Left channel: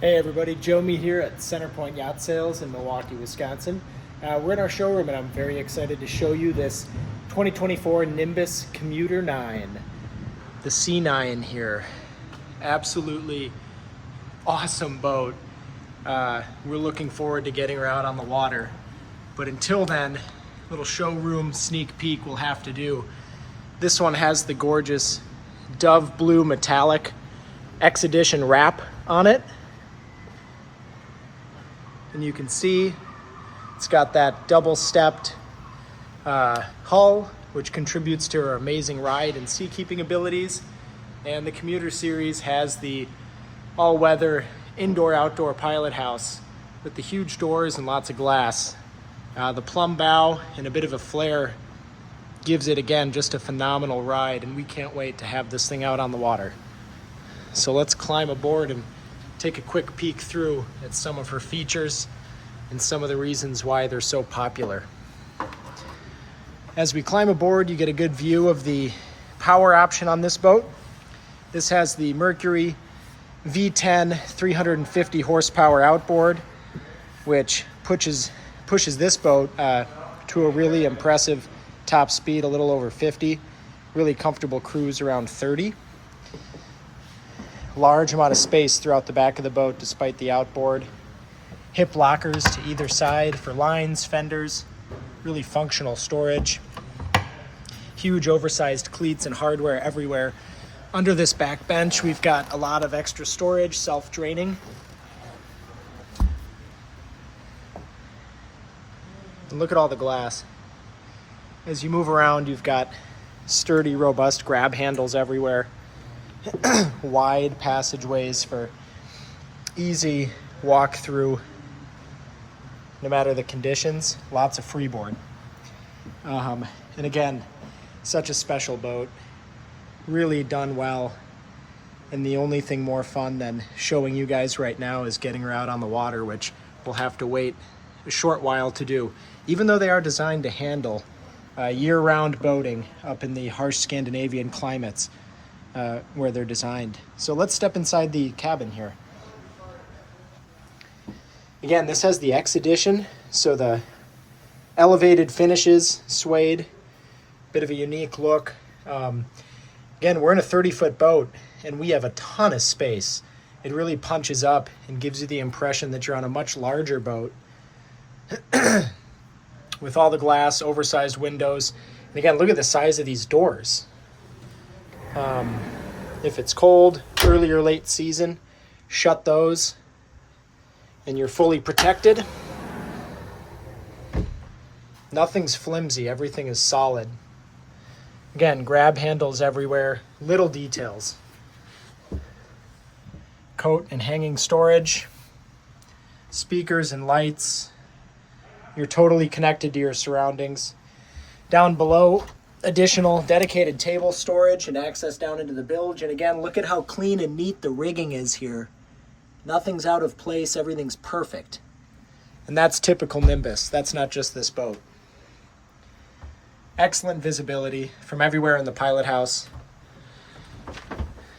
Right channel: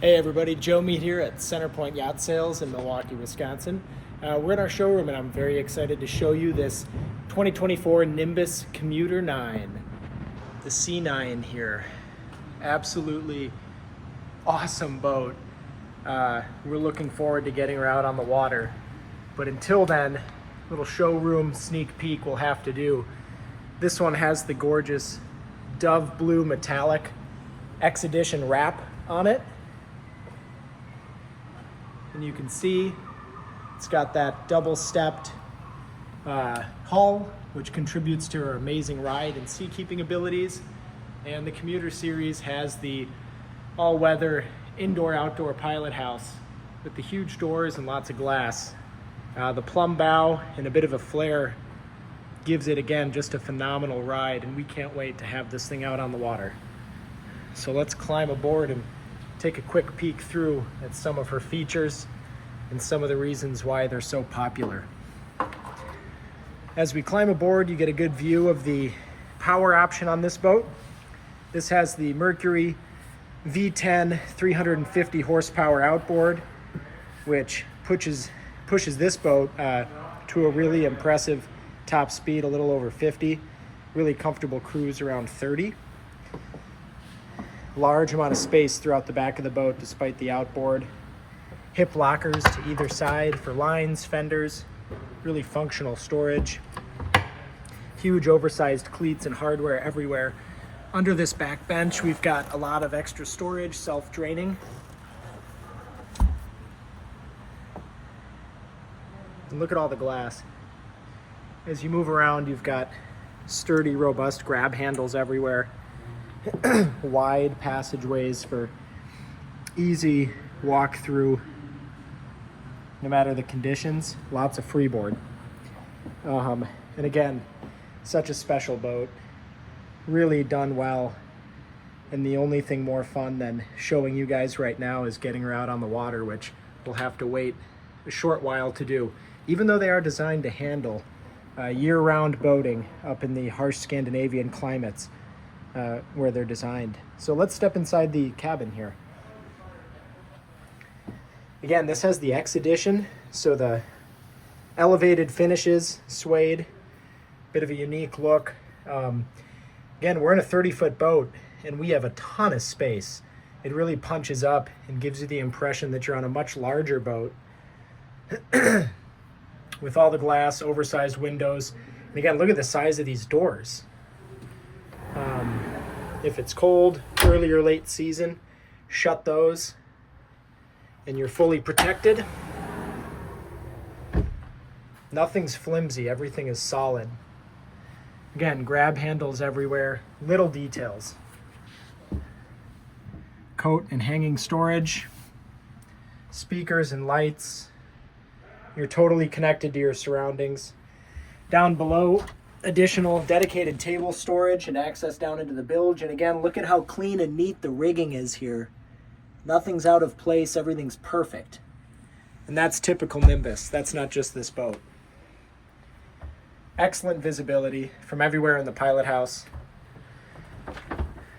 Hey everybody, Joe Mead here at CenterPointe Yacht Sales in Milwaukee, Wisconsin. We're in our showroom and I'm very excited to show you this 2024 Nimbus Commuter 9. The C9 here. Absolutely awesome boat. We're looking forward to getting her out on the water. But until then, little showroom sneak peek we'll have to do. This one has the gorgeous Dove Blue Metallic X-Edition wrap on it. And you can see it's got that double-stepped hull, which contributes to her amazing ride and seakeeping abilities. And the Commuter Series has the all-weather indoor-outdoor pilot house with the huge doors and lots of glass. The plumb bow and a bit of a flare gives it, again, just a phenomenal ride, and we can't wait to have this thing out on the water. So let's climb aboard and take a quick peek through at some of her features and some of the reasons why they're so popular. As we climb aboard, you get a good view of the power option on this boat. This has the Mercury V10 350 horsepower outboard, which pushes this boat to a really impressive top speed, a little over 50, really comfortable cruise around 30. Large amount of space throughout the back of the boat despite the outboard. Hip lockers to either side for lines, fenders, really functional storage. Huge oversized cleats and hardware everywhere. Under this back bench, we've got a lot of extra storage, self-draining. And look at all the glass. As you move around, you've got sturdy, robust grab handles everywhere. Wide passageways for easy walk through no matter the conditions. Lots of freeboard. And again, such a special boat, really done well. And the only thing more fun than showing you guys right now is getting her out on the water, which we'll have to wait a short while to do, even though they are designed to handle year-round boating up in the harsh Scandinavian climates where they're designed. So let's step inside the cabin here. Again, this has the X-Edition, so the elevated finishes, suede, bit of a unique look. Again, we're in a 30-foot boat and we have a ton of space. It really punches up and gives you the impression that you're on a much larger boat with all the glass, oversized windows. And again, look at the size of these doors. If it's cold, early or late season, shut those and you're fully protected. Nothing's flimsy, everything is solid. Again, grab handles everywhere, little details. Coat and hanging storage, speakers and lights. You're totally connected to your surroundings. Down below, additional dedicated table storage and access down into the bilge. And again, look at how clean and neat the rigging is here. Nothing's out of place, everything's perfect. And that's typical Nimbus, that's not just this boat. Excellent visibility from everywhere in the pilot house.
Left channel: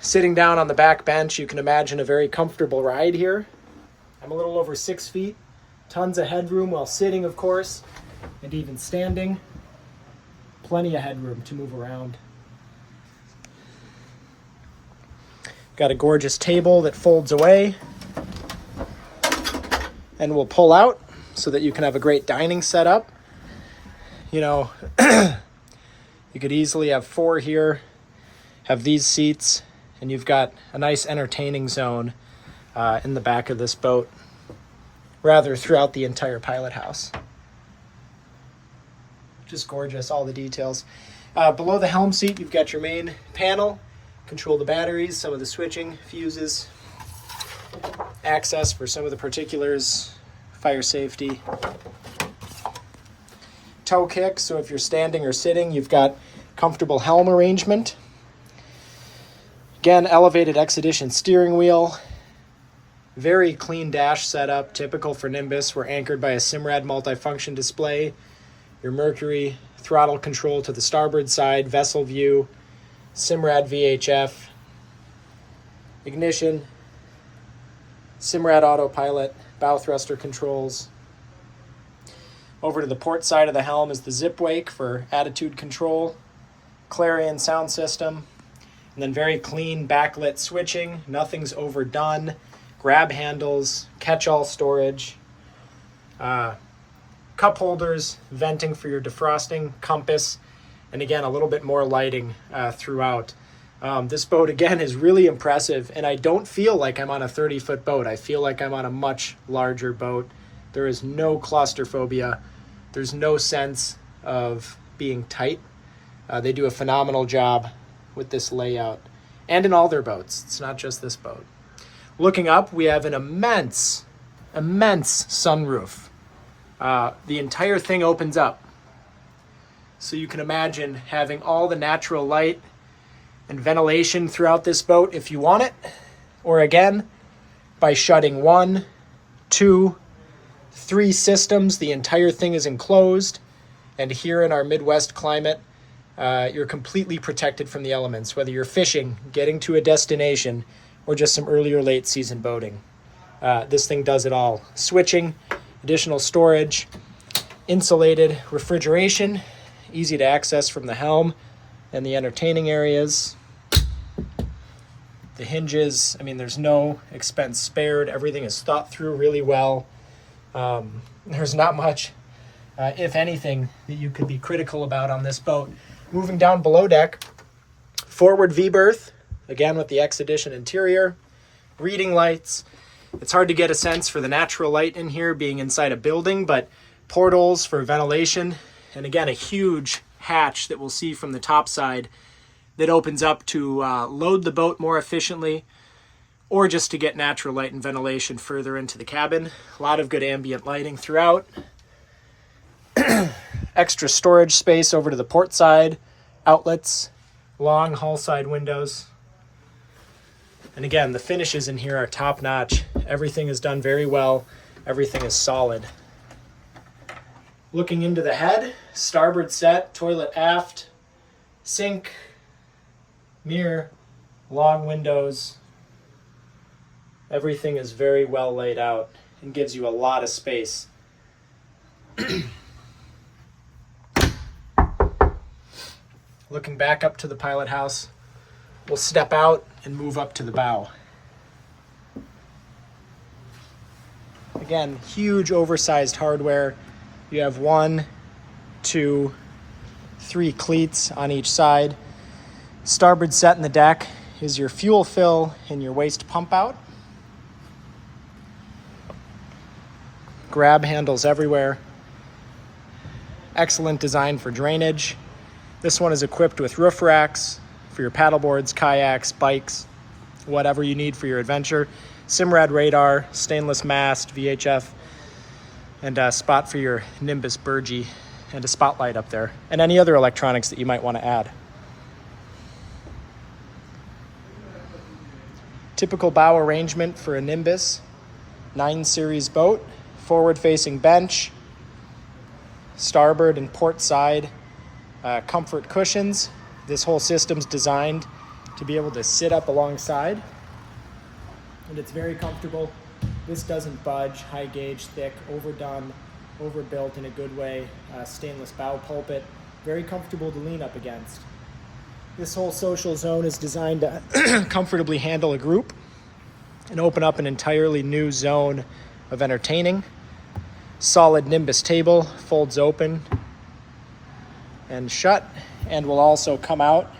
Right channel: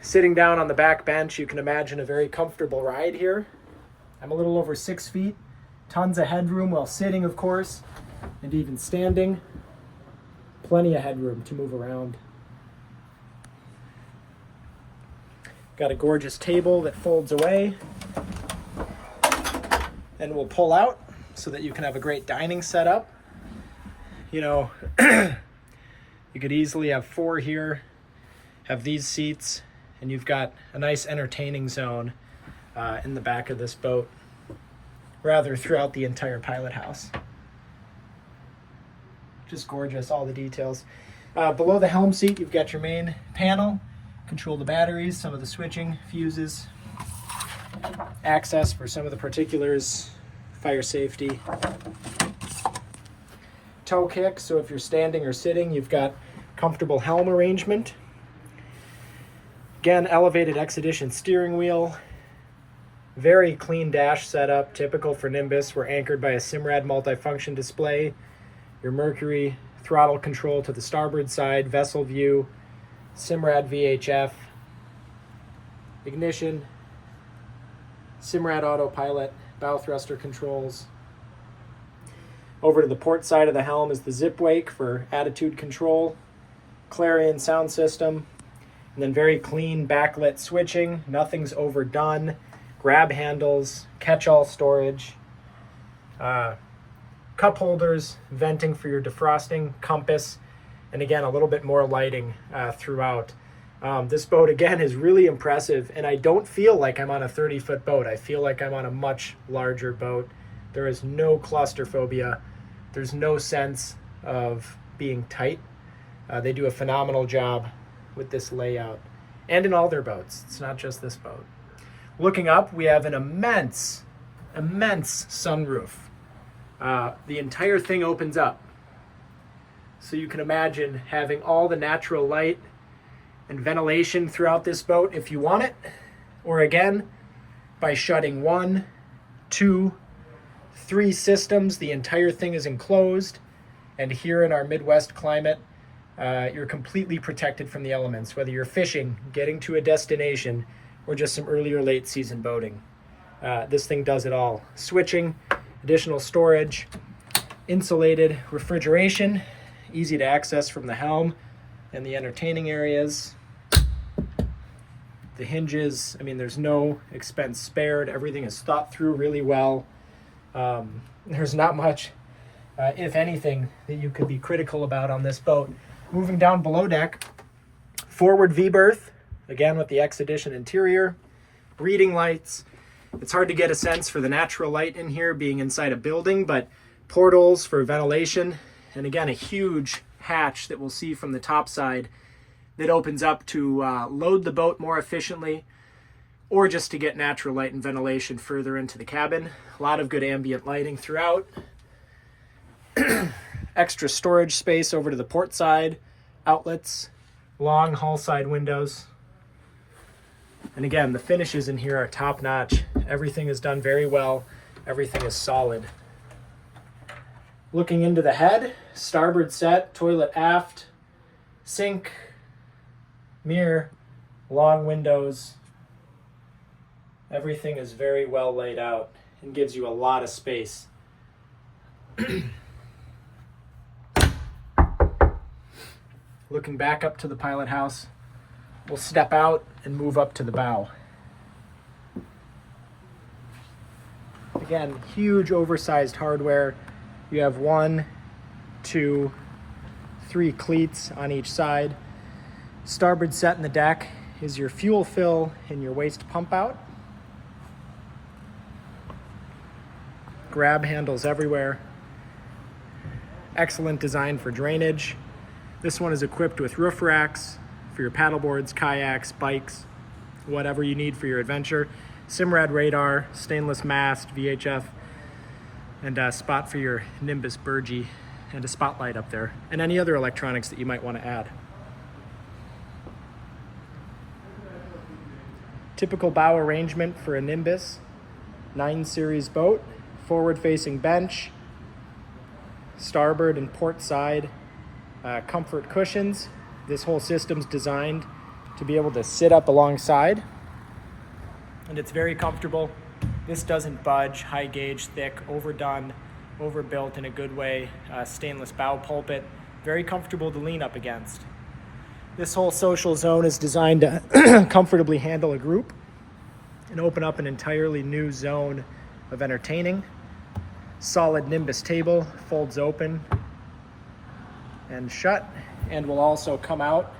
Sitting down on the back bench, you can imagine a very comfortable ride here. I'm a little over 6 feet, tons of headroom while sitting, of course, and even standing. Plenty of headroom to move around. Got a gorgeous table that folds away and will pull out so that you can have a great dining setup. You know, you could easily have 4 here, have these seats, and you've got a nice entertaining zone in the back of this boat, rather throughout the entire pilot house. Just gorgeous, all the details. Below the helm seat, you've got your main panel, control the batteries, some of the switching, fuses, access for some of the particulars, fire safety. Toe kick, so if you're standing or sitting, you've got comfortable helm arrangement. Again, elevated X-Edition steering wheel. Very clean dash setup, typical for Nimbus. We're anchored by a Simrad multifunction display. Your Mercury throttle control to the starboard side, vessel view, Simrad VHF, ignition, Simrad autopilot, bow thruster controls. Over to the port side of the helm is the zip wake for attitude control, Clarion sound system, and then very clean backlit switching. Nothing's overdone. Grab handles, catch-all storage, cup holders, venting for your defrosting, compass, and again, a little bit more lighting throughout. This boat, again, is really impressive, and I don't feel like I'm on a 30-foot boat. I feel like I'm on a much larger boat. There is no claustrophobia. There's no sense of being tight. They do a phenomenal job with this layout, and in all their boats. It's not just this boat. Looking up, we have an immense sunroof. The entire thing opens up. So you can imagine having all the natural light and ventilation throughout this boat if you want it. Or again, by shutting 1, 2, 3 systems, the entire thing is enclosed. And here in our Midwest climate, you're completely protected from the elements, whether you're fishing, getting to a destination, or just some early or late season boating. This thing does it all. Switching, additional storage, insulated refrigeration, easy to access from the helm and the entertaining areas. The hinges, I mean, there's no expense spared. Everything is thought through really well. There's not much, if anything, that you could be critical about on this boat. Moving down below deck, forward V-berth, again with the X-Edition interior, reading lights. It's hard to get a sense for the natural light in here being inside a building, but portals for ventilation, and again, a huge hatch that we'll see from the top side that opens up to load the boat more efficiently, or just to get natural light and ventilation further into the cabin. A lot of good ambient lighting throughout. Extra storage space over to the port side, outlets, long hull side windows. And again, the finishes in here are top notch. Everything is done very well. Everything is solid. Looking into the head, starboard set, toilet aft, sink, mirror, long windows. Everything is very well laid out and gives you a lot of space. Looking back up to the pilot house, we'll step out and move up to the bow. Again, huge oversized hardware. You have 1, 2, 3 cleats on each side. Starboard set in the deck is your fuel fill and your waste pump out. Grab handles everywhere. Excellent design for drainage. This one is equipped with roof racks for your paddleboards, kayaks, bikes, whatever you need for your adventure. Simrad radar, stainless mast, VHF, and a spot for your NIMBUS Burgee, and a spotlight up there, and any other electronics that you might want to add. Typical bow arrangement for a NIMBUS 9 Series boat. Forward-facing bench, starboard and port side comfort cushions. This whole system's designed to be able to sit up alongside, and it's very comfortable. This doesn't budge, high gauge, thick, overdone, overbuilt in a good way. Stainless bow pulpit, very comfortable to lean up against. This whole social zone is designed to comfortably handle a group and open up an entirely new zone of entertaining. Solid NIMBUS table, folds open and shut, and will also come out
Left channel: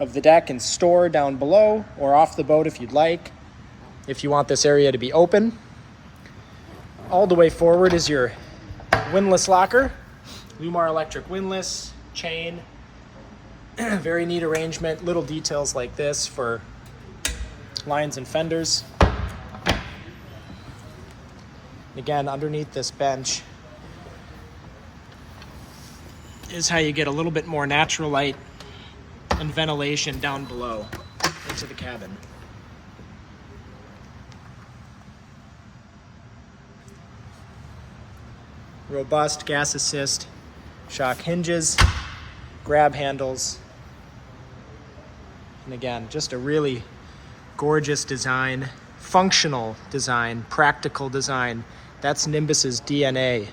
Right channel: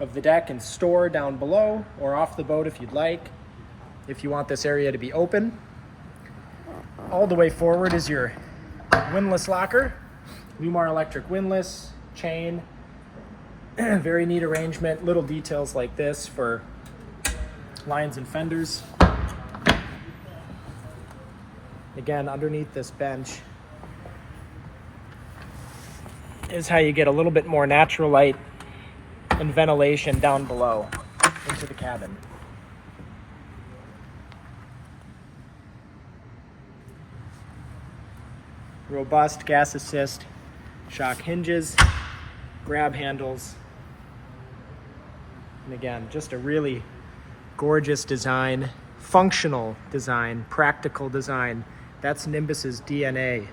of the deck and store down below or off the boat if you'd like, if you want this area to be open. All the way forward is your windlass locker, Lumar electric windlass, chain. Very neat arrangement, little details like this for lines and fenders. Again, underneath this bench is how you get a little bit more natural light and ventilation down below into the cabin. Robust gas assist, shock hinges, grab handles, and again, just a really gorgeous design functional design, practical design. That's Nimbus's DNA.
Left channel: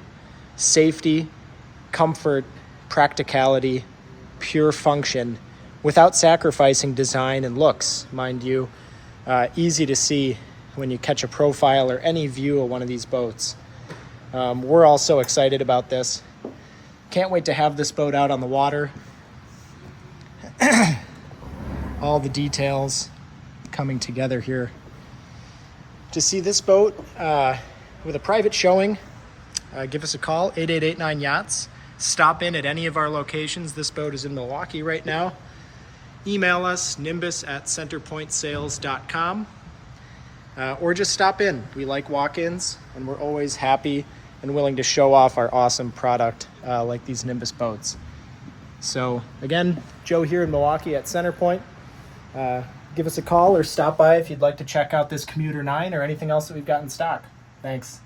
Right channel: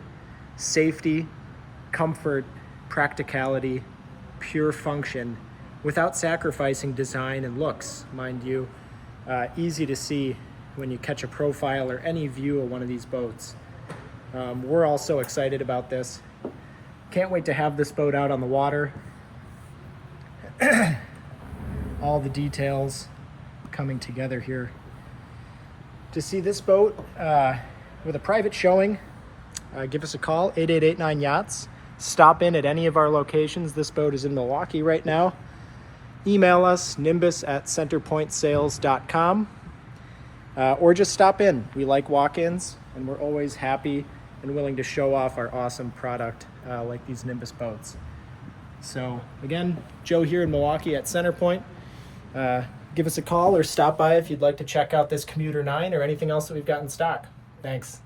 Safety, comfort, practicality, pure function, without sacrificing design and looks, mind you. Easy to see when you catch a profile or any view of one of these boats. We're all so excited about this. Can't wait to have this boat out on the water. All the details coming together here. To see this boat with a private showing, give us a call, 8889-YACHTS. Stop in at any of our locations. This boat is in Milwaukee right now. Email us, nimbus@centerpointesales.com, or just stop in. We like walk-ins, and we're always happy and willing to show off our awesome product like these Nimbus boats. So again, Joe here in Milwaukee at CenterPointe. Give us a call or stop by if you'd like to check out this Commuter 9 or anything else that we've got in stock. Thanks.